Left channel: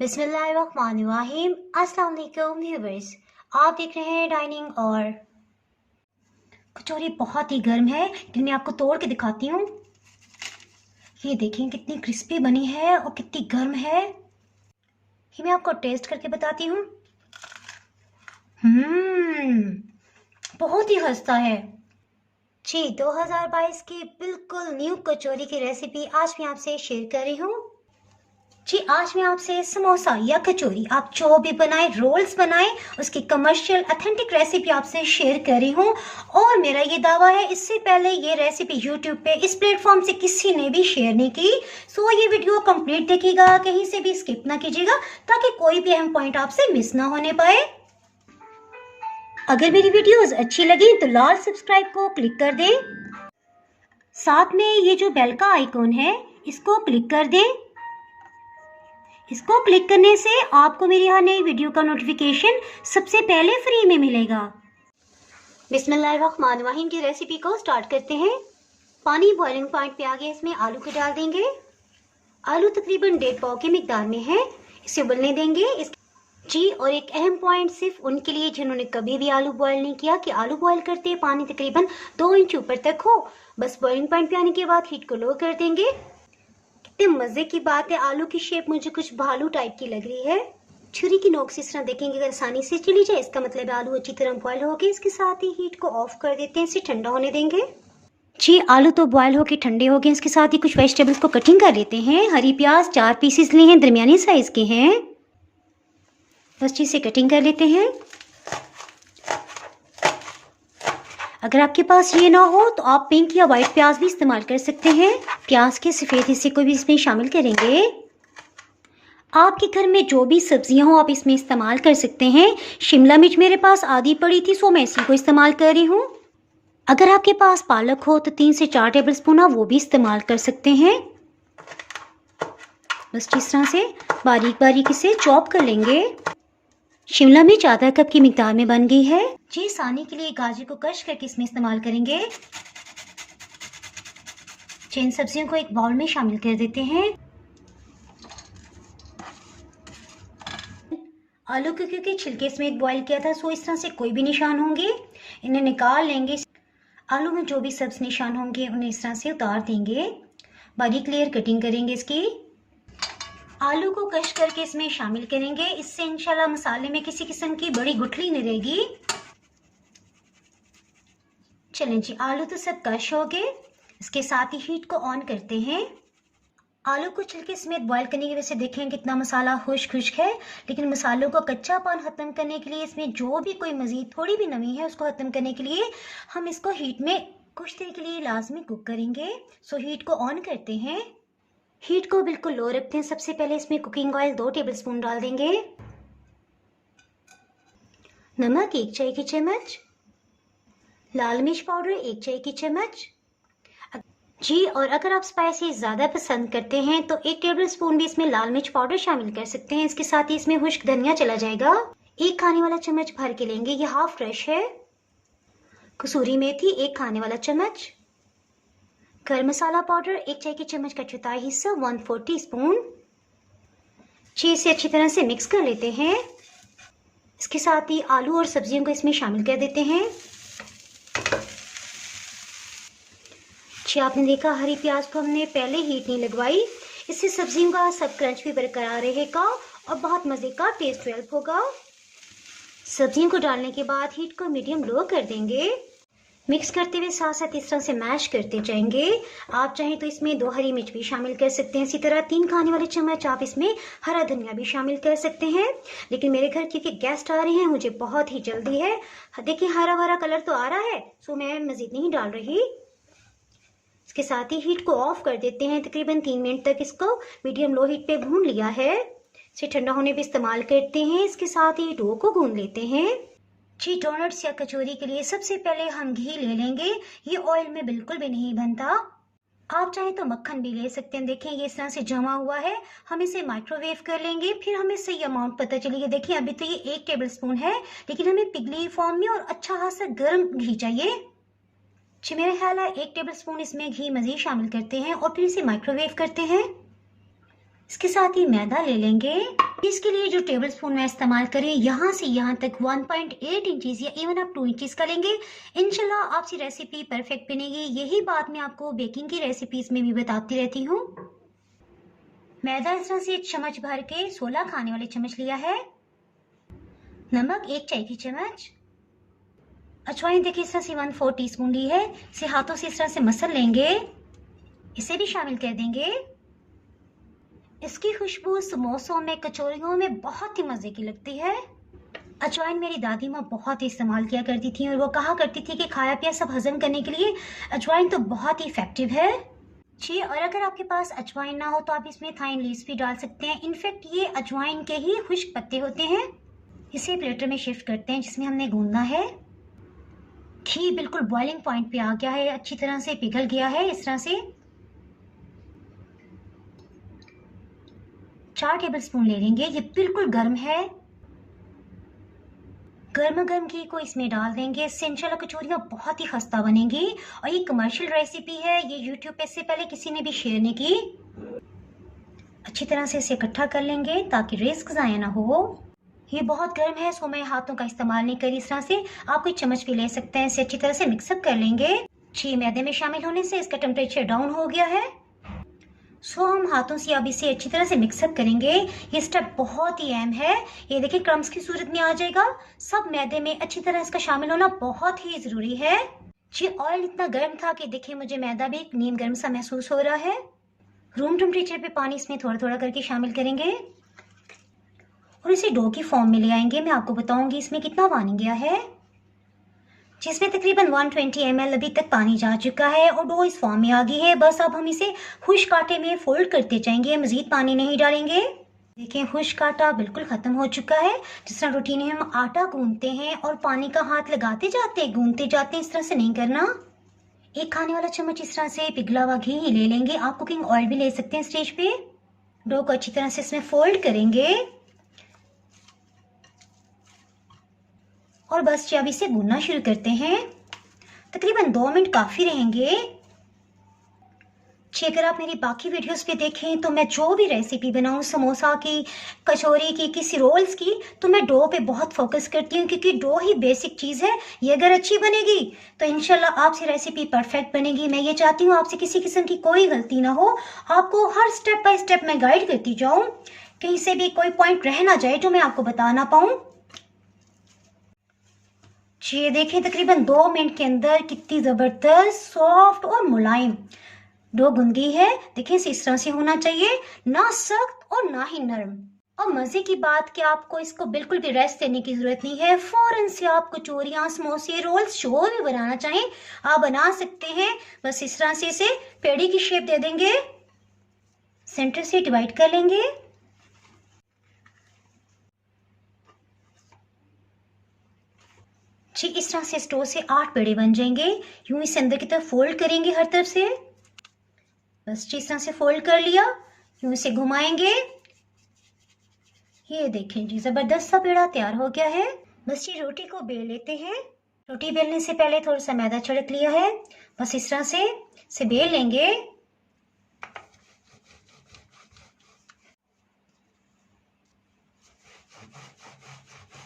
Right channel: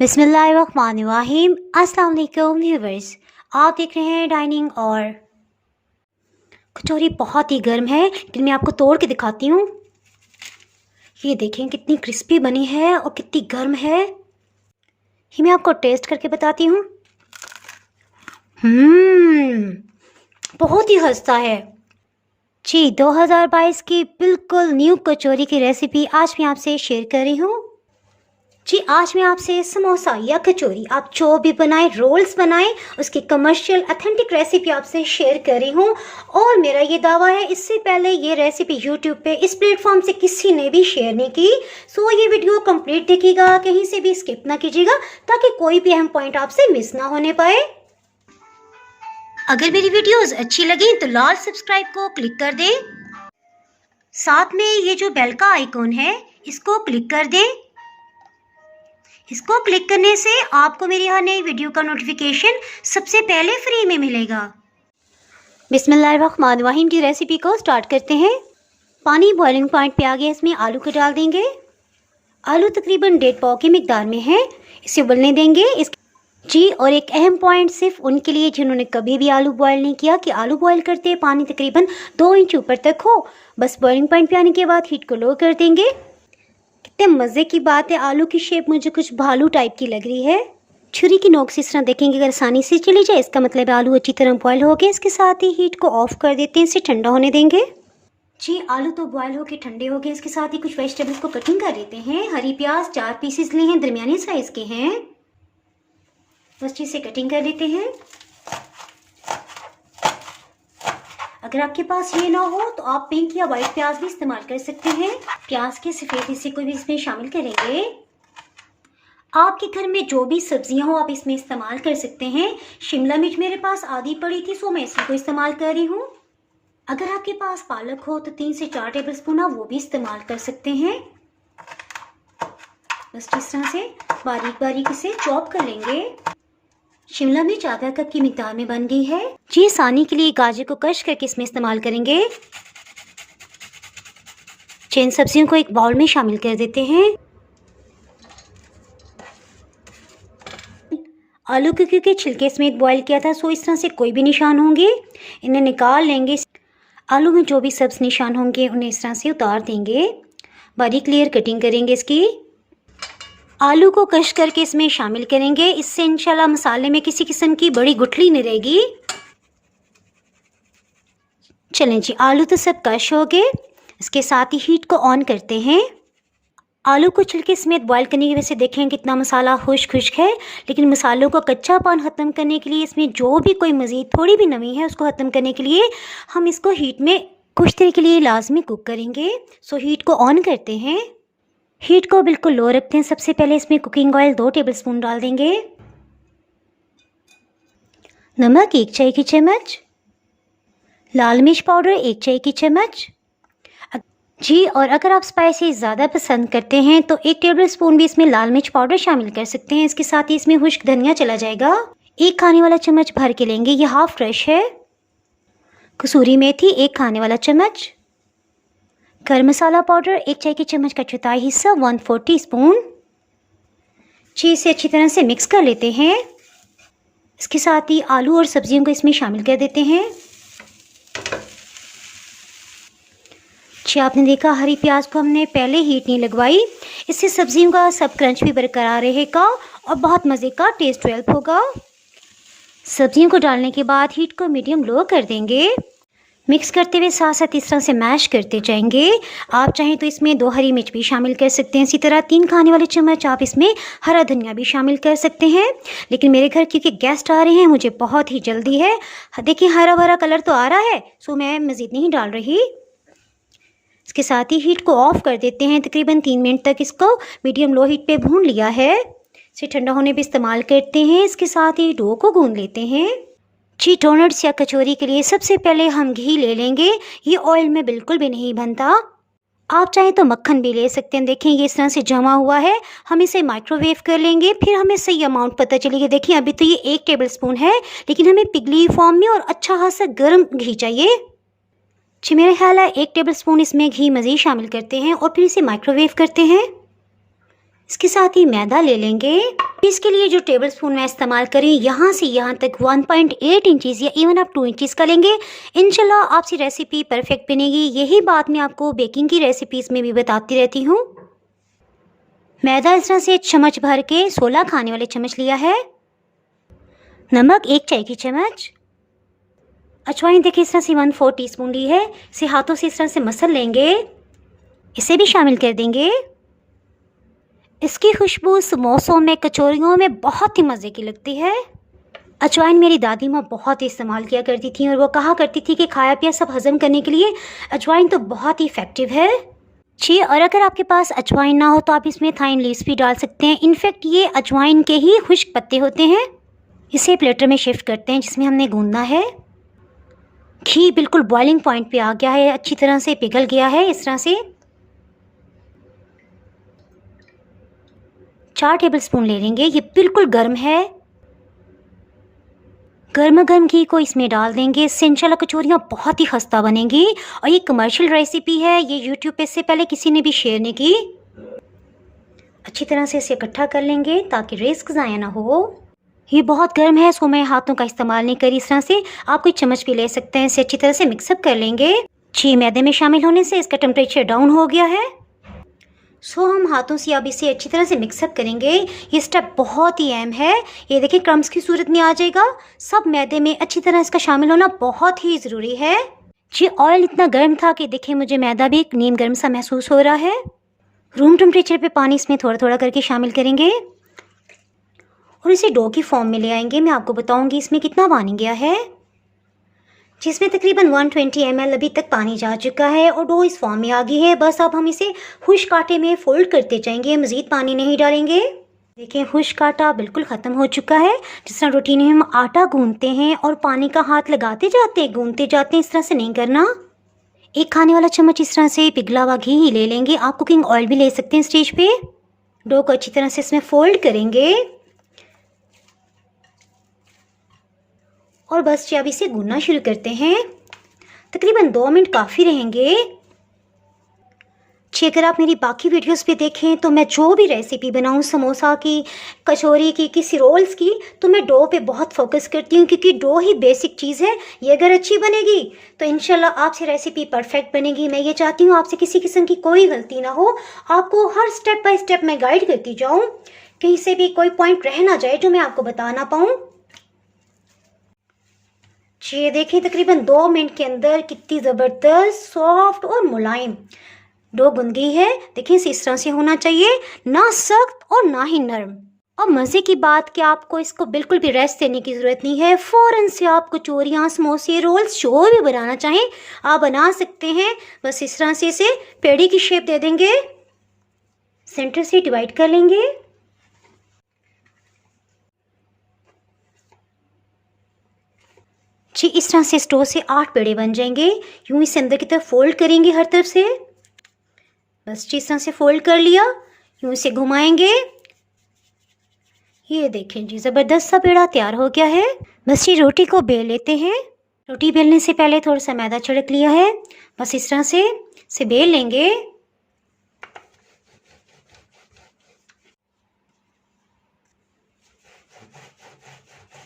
बिस्मिल्लाहिर्रहमानिर्रहीम। अस्सलाम वालेकुम व्यूअर्स, आप देख रहे हैं डाइनिंग। और कचौरी बहुत ही गर्म है, लेकिन मैं आपको तोड़ के दिखाती हूँ। ये देखें कितनी क्रिस्पी बनी है और कितनी गर्म है। ये मैं आपको टेस्ट करके बताती हूँ। बहुत ही खस्ता है जी। 2022 की बिल्कुल न्यू कचौरी की रेसिपी आज मैं आपसे शेयर कर रही हूँ जी। आज मैं आपसे समोसा या कचौरी, आप जो भी बनाए, रोल्स बनाए, उसकी कमर्शियल ऑथेंटिक रेसिपी आपसे शेयर कर रही हूँ। और मेरा ये दावा है, इससे पहले ये रेसिपी यूट्यूब पे इस प्लेटफॉर्म से किसी ने भी शेयर नहीं की। सो ये वीडियो कंप्लीट देखिएगा, कहीं से भी स्किप ना कीजिएगा, ताकि कोई भी अहम पॉइंट आपसे मिस ना होने पाए। अगर मेरी वीडियोस अच्छी लगी तो लाल सब्सक्राइब को क्लिक कर दें। साथ में ये जो बेल का आइकॉन है, इसको क्लिक कर दें। इसको क्लिक करने से आपको मेरी हर नई वीडियो का नोटिफिकेशन सबसे पहले फ्री में मिलेगा। बिस्मिल्लाहिर्रहमानिर्रहीम की रेसिपी को स्टार्ट करते हैं। पानी बॉइलिंग पॉइंट पे आ गया, इसमें आलू को डाल देंगे। आलू तकरीबन 1.5 पाव की मिकदार में है, इसे उबलने देंगे जी। और एक अहम पॉइंट सिर्फ उनके लिए जिन्होंने कभी भी आलू बॉयल नहीं किया, कि आलू बॉयल करते पानी तकरीबन 2 इंच ऊपर तक हो। बस बॉइलिंग पॉइंट पे आने के बाद हीट को लो कर देंगे। कितने मज़े की बात है, आलू की शेप मुझे कुछ भालू टाइप की लग रही है। छुरी की नोक से इस तरह देखेंगे, अगर आसानी से चली जाए, इसका मतलब है आलू अच्छी तरह बॉयल हो गए। इसके साथ ही हीट को ऑफ कर देते हैं, इसे ठंडा होने देंगे जी। आलू तो बॉयल होके ठंडे हो गए। इसके साथ ही कुछ वेजिटेबल्स को कटिंग कर लेते हैं। हरी प्याज 4 पीसेस लिए हैं, दरमियानी साइज़ के हैं। बस चीज़ से कटिंग कर लेते हैं। अगर आपके पास ये ना हो तो आप पिंक या वाइट प्याज भी इस्तेमाल कर सकते हैं। प्याज के सफ़ेद हिस्से को भी इसमें शामिल करेंगे। आपके घर में जो भी सब्जियां हो आप इसमें इस्तेमाल कर सकते हैं। शिमला मिर्च मेरे पास आधी पड़ी थी, सो मैं इसी को इस्तेमाल कर रही हूँ। अगर आपके पास पालक हो तो 3 से 4 टेबल स्पून आप वो भी इस्तेमाल कर सकते हैं। बस इस तरह से बारीक बारीक इसे चॉप कर लेंगे। शिमला मिर्च आधा कप की मिकदार में बन गई है जी। आसानी के लिए गाजर को क्रश करके इसमें इस्तेमाल करेंगे। इन सब्जियों को एक बाउल में शामिल कर देते हैं। आलू को क्योंकि छिलके समेत बॉईल किया था, सो इस तरह से कोई भी निशान होंगे इन्हें निकाल लेंगे। आलू में जो भी सब्ज निशान होंगे उन्हें इस तरह से उतार देंगे। बारीक लेयर कटिंग करेंगे इसकी। आलू को क्रश करके इसमें शामिल करेंगे। इससे इंशाल्लाह मसाले में किसी किस्म की बड़ी गुठली नहीं रहेगी। चलें जी, आलू तो सब क्रश हो गए। इसके साथ ही हीट को ऑन करते हैं। आलू को छिलके समेत बॉईल करने की वजह से देखें कितना मसाला खुश्क है। लेकिन मसालों को कच्चापन ख़त्म करने के लिए, इसमें जो भी कोई मज़ीद थोड़ी भी नमी है उसको ख़त्म करने के लिए हम इसको हीट में कुछ देर के लिए लाजमी कुक करेंगे। सो हीट को ऑन करते हैं। हीट को बिल्कुल लो रखते हैं। सबसे पहले इसमें कुकिंग ऑयल 2 टेबलस्पून डाल देंगे। नमक 1 चाय की चम्मच। लाल मिर्च पाउडर 1 चाय की चम्मच जी। और अगर आप स्पाइसी ज़्यादा पसंद करते हैं तो 1 टेबलस्पून भी इसमें लाल मिर्च पाउडर शामिल कर सकते हैं। इसके साथ ही इसमें खुश्क धनिया चला जाएगा। 1 खाने वाला चम्मच भर के लेंगे, ये हाफ फ्रेश है। कसूरी मेथी 1 खाने वाला चम्मच। गरम मसाला पाउडर 1 चाय की चम्मच का चौथाई हिस्सा 1/4 टीस्पून जी। इसे अच्छी तरह से मिक्स कर लेते हैं। इसके साथ ही आलू और सब्जियों को इसमें शामिल कर देते हैं जी। आपने देखा हरी प्याज को हमने पहले हीट नहीं लगवाई, इससे सब्जियों का सब क्रंच भी बरकरार रहेगा और बहुत मज़े का टेस्ट डेवलप होगा। सब्जियों को डालने के बाद हीट को मीडियम लो कर देंगे। मिक्स करते हुए साथ साथ इस तरह से मैश करते जाएंगे। आप चाहें तो इसमें 2 हरी मिर्च भी शामिल कर सकते हैं। इसी तरह 3 खाने वाले चम्मच आप इसमें हरा धनिया भी शामिल कर सकते हैं। लेकिन मेरे घर क्योंकि गेस्ट आ रहे हैं, मुझे बहुत ही जल्दी है। देखिए हरा भरा कलर तो आ रहा है, सो मैं मज़ीद नहीं डाल रही। इसके साथ ही हीट को ऑफ कर देते हैं। तकरीबन 3 मिनट तक इसको मीडियम लो हीट पे भून लिया है। इसे ठंडा होने पे इस्तेमाल करते हैं। इसके साथ ही डो को गूंद लेते हैं जी। डोनट्स या कचौरी के लिए सबसे पहले हम घी ले लेंगे। ये ऑयल में बिल्कुल भी नहीं बनता। आप चाहें तो मक्खन भी ले सकते हैं। देखें ये इस तरह से जमा हुआ है। हम इसे माइक्रोवेव कर लेंगे, फिर हमें सही अमाउंट पता चलेगी। देखिए अभी तो ये 1 टेबलस्पून है, लेकिन हमें पिघली फॉर्म में और अच्छा खासा गर्म घी चाहिए जी। मेरा ख्याल है 1 टेबलस्पून इसमें घी मज़ीद शामिल करते हैं और फिर इसे माइक्रोवेव करते हैं। इसके साथ ही मैदा ले लेंगे। इसके लिए जो टेबल स्पून मैं इस्तेमाल करें, यहाँ से यहाँ तक 1.8 इंचज़ या इवन आप 2 इंचज़ का लेंगे। इंशाल्लाह आपकी रेसिपी परफेक्ट बनेगी। यही बात मैं आपको बेकिंग की रेसिपीज़ में भी बताती रहती हूँ। मैदा इस तरह से चम्मच भर के 16 खाने वाले चम्मच लिया है। नमक 1 चाय की चम्मच। अजवाइन देखिए इस तरह से 1/4 टीस्पून ली है। इसे हाथों से इस तरह से मसल लेंगे, इसे भी शामिल कर देंगे। इसकी खुशबू समोसों में, कचौरियों में बहुत ही मज़े की लगती है। अजवाइन मेरी दादी माँ बहुत ही इस्तेमाल किया करती थी और वो कहा करती थी कि खाया पिया सब हज़म करने के लिए अजवाइन तो बहुत ही इफ़ेक्टिव है जी। और अगर आपके पास अजवाइन ना हो तो आप इसमें थाइन लीव्स भी डाल सकते हैं। इनफैक्ट ये अजवाइन के ही खुश्क पत्ते होते हैं। इसे प्लेटर में शिफ्ट करते हैं जिसमें हमने गूंदना है। घी बिल्कुल बॉइलिंग पॉइंट पे आ गया है, अच्छी तरह से पिघल गया है। इस तरह से 4 टेबलस्पून ले लेंगे। ये बिल्कुल गर्म है। गर्मा गर्म घी को इसमें डाल देंगे। इससे इंशाल्लाह कचौरियाँ बहुत ही खस्ता बनेंगी। और ये कमर्शियल रेसिपी है, ये यूट्यूब पे इससे पहले किसी ने भी शेयर नहीं की। अच्छी तरह से इसे इकट्ठा कर लेंगे ताकि रिस्क ज़ाया ना हो। ये बहुत गर्म है, सो मैं हाथों का इस्तेमाल नहीं करी। इस तरह से आप कोई चम्मच भी ले सकते हैं। इसे अच्छी तरह से मिक्सअप कर लेंगे जी। मैदे में शामिल होने से इसका टेम्परेचर डाउन हो गया है। सो हम हाथों से अब इसे अच्छी तरह से मिक्सअप करेंगे। ये स्टेप बहुत ही अहम है। ये देखिए क्रम्स की सूरत में आ जाएगा। सब मैदे में अच्छी तरह इसका शामिल होना बहुत ही ज़रूरी है जी। ऑयल इतना गर्म था कि देखिए मुझे मैदा भी नीम गर्म सा महसूस हो रहा है। रूम टेम्परेचर पे पानी इसमें थोड़ा थोड़ा करके शामिल करेंगे और इसे डो की फॉर्म में ले आएंगे। मैं आपको बताऊंगी इसमें कितना पानी गया है, जिसमें तकरीबन 120 ml अभी तक पानी जा चुका है और डो इस फॉर्म में आ गई है। बस अब हम इसे खुश्क आटे में फोल्ड करते जाएंगे, मज़ीद पानी नहीं डालेंगे। देखें खुश्क आटा बिल्कुल ख़त्म हो चुका है। जिस तरह रूटीन में हम आटा गूंदते हैं और पानी का हाथ लगाते जाते हैं, गूंदते जाते हैं, इस तरह से नहीं करना। 1 खाने वाला चम्मच इस तरह से पिघला हुआ घी ही ले लेंगे। आप कुकिंग ऑयल भी ले सकते हैं स्टेज पे। डो को अच्छी तरह से इसमें फोल्ड करेंगे और बस अब इसे गूंदना शुरू करते हैं। तकरीबन 2 मिनट काफ़ी रहेंगे जी। अगर आप मेरी बाकी वीडियोस पे देखें तो मैं जो भी रेसिपी बनाऊं, समोसा की, कचौरी की, किसी रोल्स की, तो मैं डो पे बहुत फोकस करती हूँ क्योंकि डो ही बेसिक चीज़ है। ये अगर अच्छी बनेगी तो इंशाल्लाह आपसे रेसिपी परफेक्ट बनेगी। मैं ये चाहती हूँ आपसे किसी किस्म की कोई गलती ना हो। आपको हर स्टेप बाय स्टेप मैं गाइड करती जाऊँ, कहीं से भी कोई पॉइंट रह ना जाए जो मैं आपको बता ना पाऊँ जी। ये देखिए तकरीबन 2 मिनट के अंदर कितनी ज़बरदस्त, सॉफ्ट और मुलायम डो बन गई है। देखिए इस तरह से होना चाहिए, ना सख्त और ना ही नरम। अब मज़े की बात कि आपको इसको बिल्कुल भी रेस्ट देने की ज़रूरत नहीं है। फ़ौरन से आप कचौरियाँ, समोसे, रोल्स जो भी बनाना चाहें आप बना सकते हैं। बस इस तरह से इसे पेड़ी की शेप दे देंगे, सेंटर से डिवाइड कर लेंगे। जी इस तरह से स्टोव से 8 पेड़े बन जाएंगे। यूं इसे अंदर की तरफ फोल्ड करेंगे हर तरफ से। बस इस तरह से फोल्ड कर लिया। यूं इसे घुमाएंगे। ये देखें जी ज़बरदस्त सा पेड़ा तैयार हो गया है। बस ये रोटी को बेल लेते हैं। रोटी बेलने से पहले थोड़ा सा मैदा छिड़क लिया है। बस इस तरह से इसे बेल लेंगे।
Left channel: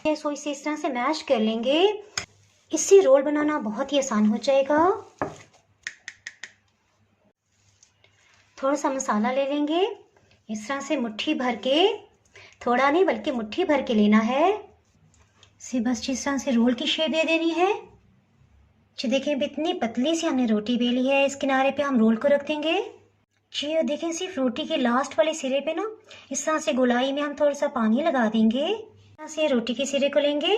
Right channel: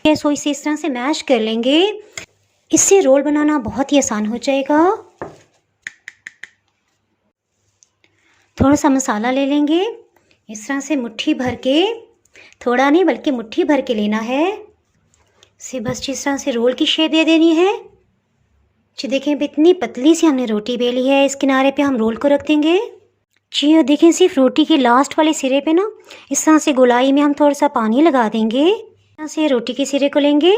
सो इसे इस तरह से मैश कर लेंगे। इससे रोल बनाना बहुत ही आसान हो जाएगा। थोड़ा सा मसाला ले लेंगे। इस तरह से मुट्ठी भर के, थोड़ा नहीं बल्कि मुट्ठी भर के लेना है। इसे बस इस तरह से रोल की शेप दे देनी है जी। देखें इतनी पतली सी हमने रोटी बेली है। इस किनारे पे हम रोल को रख देंगे जी। और देखें सिर्फ रोटी के लास्ट वाले सिरे पे ना इस तरह से गोलाई में हम थोड़ा सा पानी लगा देंगे। से रोटी के सिरे को लेंगे,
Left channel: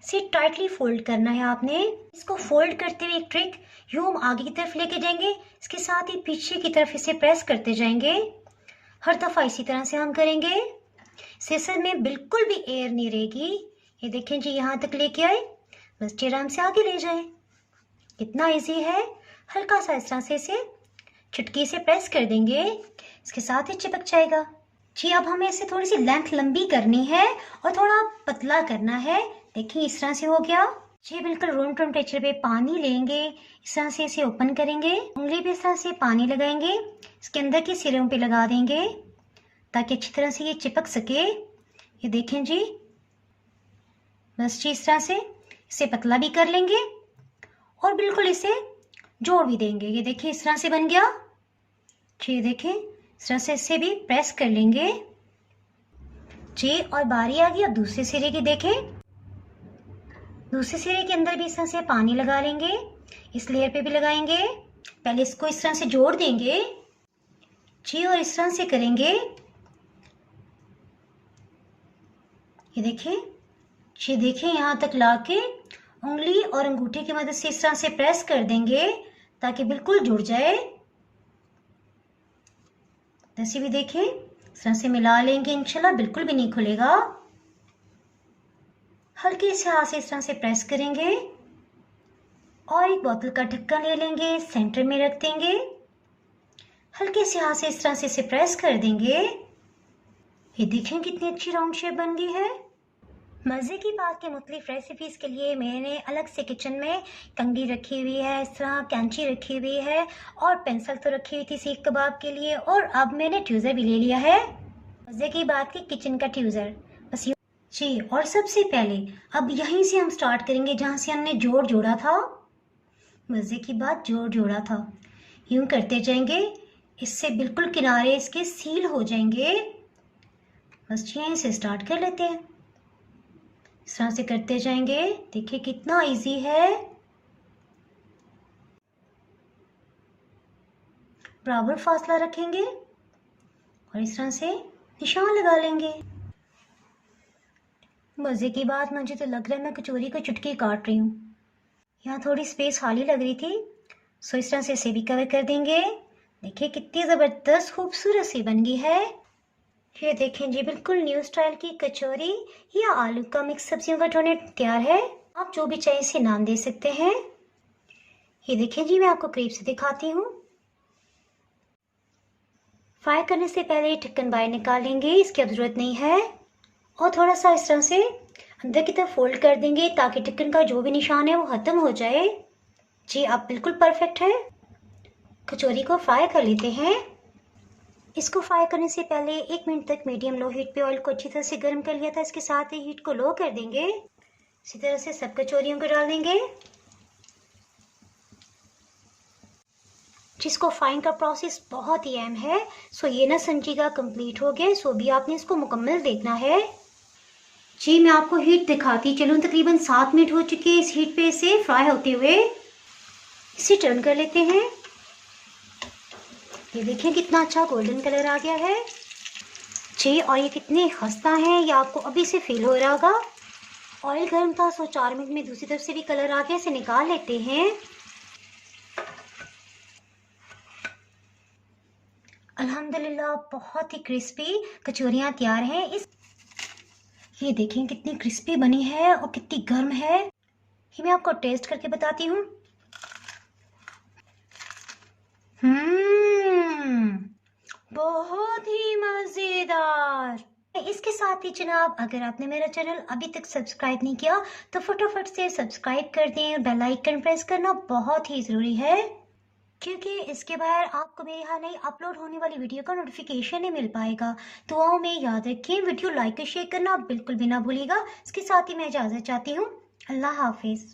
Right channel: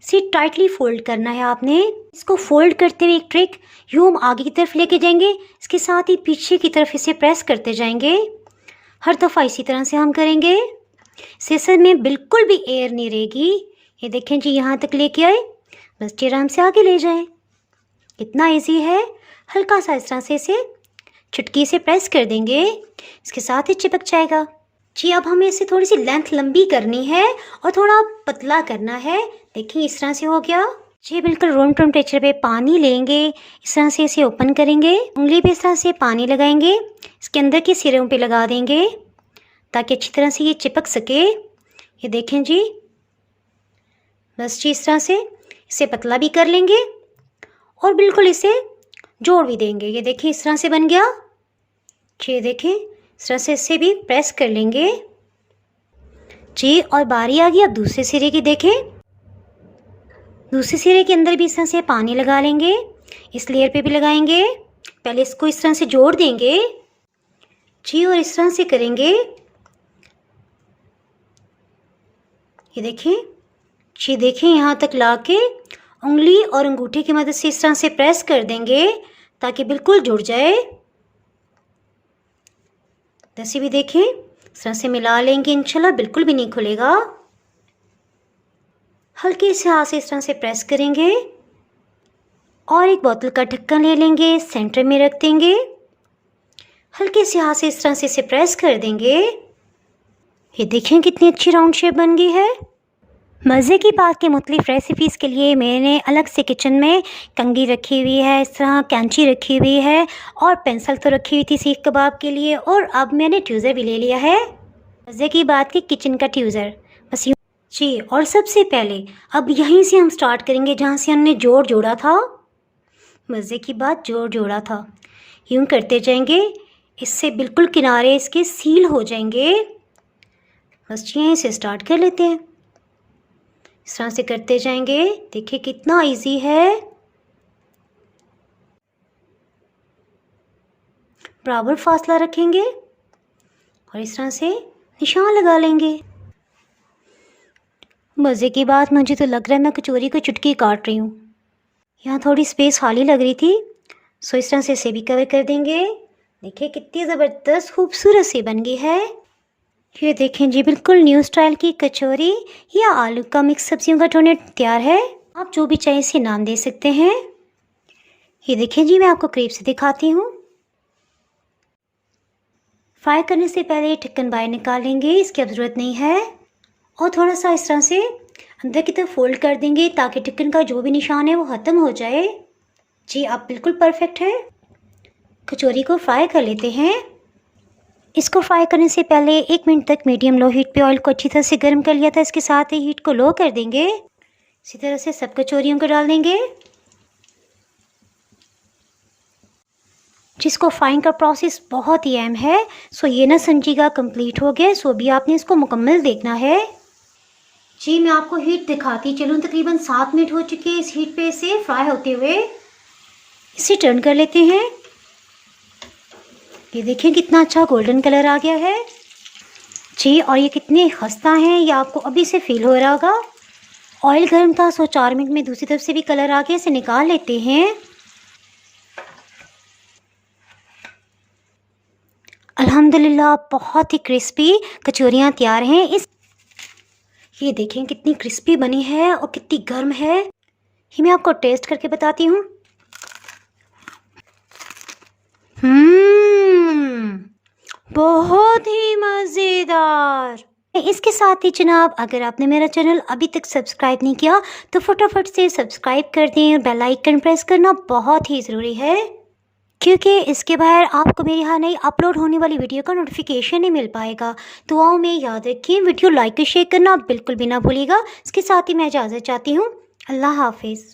इसे टाइटली फोल्ड करना है आपने। इसको फोल्ड करते हुए एक ट्रिक, यूं हम आगे की तरफ लेके जाएंगे, इसके साथ ही पीछे की तरफ इसे प्रेस करते जाएंगे। हर दफ़ा इसी तरह से हम करेंगे। सेसर में बिल्कुल भी एयर नहीं रहेगी। ये देखें जी यहाँ तक लेके आए, बस आराम से आगे ले जाएं। कितना ईजी है। हल्का सा इस तरह से इसे चुटकी से प्रेस कर देंगे, इसके साथ ही चिपक जाएगा जी। अब हमें इसे थोड़ी सी लेंथ लंबी करनी है और थोड़ा पतला करना है। देखिए इस तरह से हो गया जी। बिल्कुल रूम टेम्परेचर पे पानी लेंगे, इस तरह से इसे ओपन करेंगे, उंगली पे इस तरह से पानी लगाएंगे, इसके अंदर के सिरों पे लगा देंगे ताकि अच्छी तरह से ये चिपक सके। ये देखें जी, बस जी इस तरह से इसे पतला भी कर लेंगे और बिल्कुल इसे जोड़ भी देंगे। ये देखें इस तरह से बन गया। ये देखें इस तरह से इसे भी प्रेस कर लेंगे जी। और बारी आ गई अब दूसरे सिरे की। देखें दूसरे सिरे के अंदर भी इस तरह से पानी लगा लेंगे, इस लेयर पे भी लगाएंगे। पहले इसको इस तरह से जोड़ देंगे जी और इस तरह से करेंगे। ये देखें जी, देखें यहाँ तक लाके उंगली और अंगूठे की मदद से इस तरह से प्रेस कर देंगे ताकि बिल्कुल जुड़ जाए। जैसे भी देखें इस तरह से मिला लेंगे, इंशाल्लाह बिल्कुल भी नहीं खुलेगा। हल्के से हाथ से इस तरह से प्रेस करेंगे और एक बोतल का ढक्कन ले लेंगे, सेंटर में रख देंगे। हल्के से हाथ से इस तरह से इसे प्रेस कर देंगे। ये देखें कितनी अच्छी राउंड शेप बन गई है। मज़े की बात कि मुख्तलिफ़ रेसिपीज़ के लिए मैंने अलग से किचन में कंघी रखी हुई है, इस तरह कैंची रखी हुई है और पेंसिल तो रखी हुई थी सीख कबाब के लिए, और अब मैंने ट्यूज़र भी ले लिया है। मज़े की बात कि किचन का ट्यूज़र बस यूँ जी। और सबसे पहले अब यहीं से हम स्टार्ट करेंगे जहाँ से हमने जोड़ जोड़ा था। मज़े की बात जोड़ जोड़ा था, यूँ करते जाएंगे, इससे बिल्कुल किनारे इसके सील हो जाएंगे। बस यहीं से स्टार्ट कर लेते हैं, इस तरह से करते जाएंगे। देखिए कितना इजी है। बराबर फासला रखेंगे और इस तरह से निशान लगा लेंगे। मज़े की बात, मुझे तो लग रहा है मैं कचौरी को चुटकी काट रही हूँ। यहाँ थोड़ी स्पेस खाली लग रही थी, सो इस तरह से इसे भी कवर कर देंगे। देखिए कितनी ज़बरदस्त खूबसूरत सी बन गई है। ये देखें जी, बिल्कुल न्यू स्टाइल की कचौरी या आलू का मिक्स सब्जियों का टोनेट तैयार है। आप जो भी चाहे इसे नाम दे सकते हैं। ये देखें जी, मैं आपको करीब से दिखाती हूँ। फ्राई करने से पहले ढक्कन बाहर निकाल लेंगे, इसकी अब ज़रूरत नहीं है। और थोड़ा सा इस तरह से अंदर की तरफ फोल्ड कर देंगे ताकि ढक्कन का जो भी निशान है वो ख़त्म हो जाए। जी अब बिल्कुल परफेक्ट है। कचौरी को फ्राई कर लेते हैं। इसको फ्राई करने से पहले 1 मिनट तक मीडियम लो हीट पे ऑयल को अच्छी तरह से गर्म कर लिया था। इसके साथ ही हीट को लो कर देंगे। इसी तरह से सब कचौरियों को डाल देंगे। जिसको फ्राइंग का प्रोसेस बहुत ही अहम है, सो ये ना समझिएगा कंप्लीट हो गया, सो भी आपने इसको मुकम्मल देखना है। जी मैं आपको हीट दिखाती चलूँ। तकरीबन 7 मिनट हो चुके हैं इस हीट पे से फ्राई होते हुए। इसे टर्न कर लेते हैं। ये देखें कितना अच्छा गोल्डन कलर आ गया है जी। और ये कितने खस्ता हैं ये आपको अभी से फील हो रहा होगा। ऑयल गर्म था, सो 4 मिनट में दूसरी तरफ से भी कलर आ गया। इसे निकाल लेते हैं। अल्हम्दुलिल्लाह बहुत ही क्रिस्पी कचौरियाँ तैयार हैं। ये देखें कितनी क्रिस्पी बनी है और कितनी गर्म है। ये मैं आपको टेस्ट करके बताती हूँ। बहुत ही मज़ेदार। इसके साथ ही जनाब, अगर आपने मेरा चैनल अभी तक सब्सक्राइब नहीं किया तो फटाफट से सब्सक्राइब कर दें और बेल आइकन प्रेस करना बहुत ही ज़रूरी है, क्योंकि इसके बाहर आपको मेरी यहाँ नई अपलोड होने वाली वीडियो का नोटिफिकेशन नहीं मिल पाएगा। तो आओ में याद रखिए, वीडियो लाइक और शेयर करना बिल्कुल भी ना भूलिएगा। इसके साथ ही मैं इजाज़त चाहती हूँ। अल्लाह हाफिज़।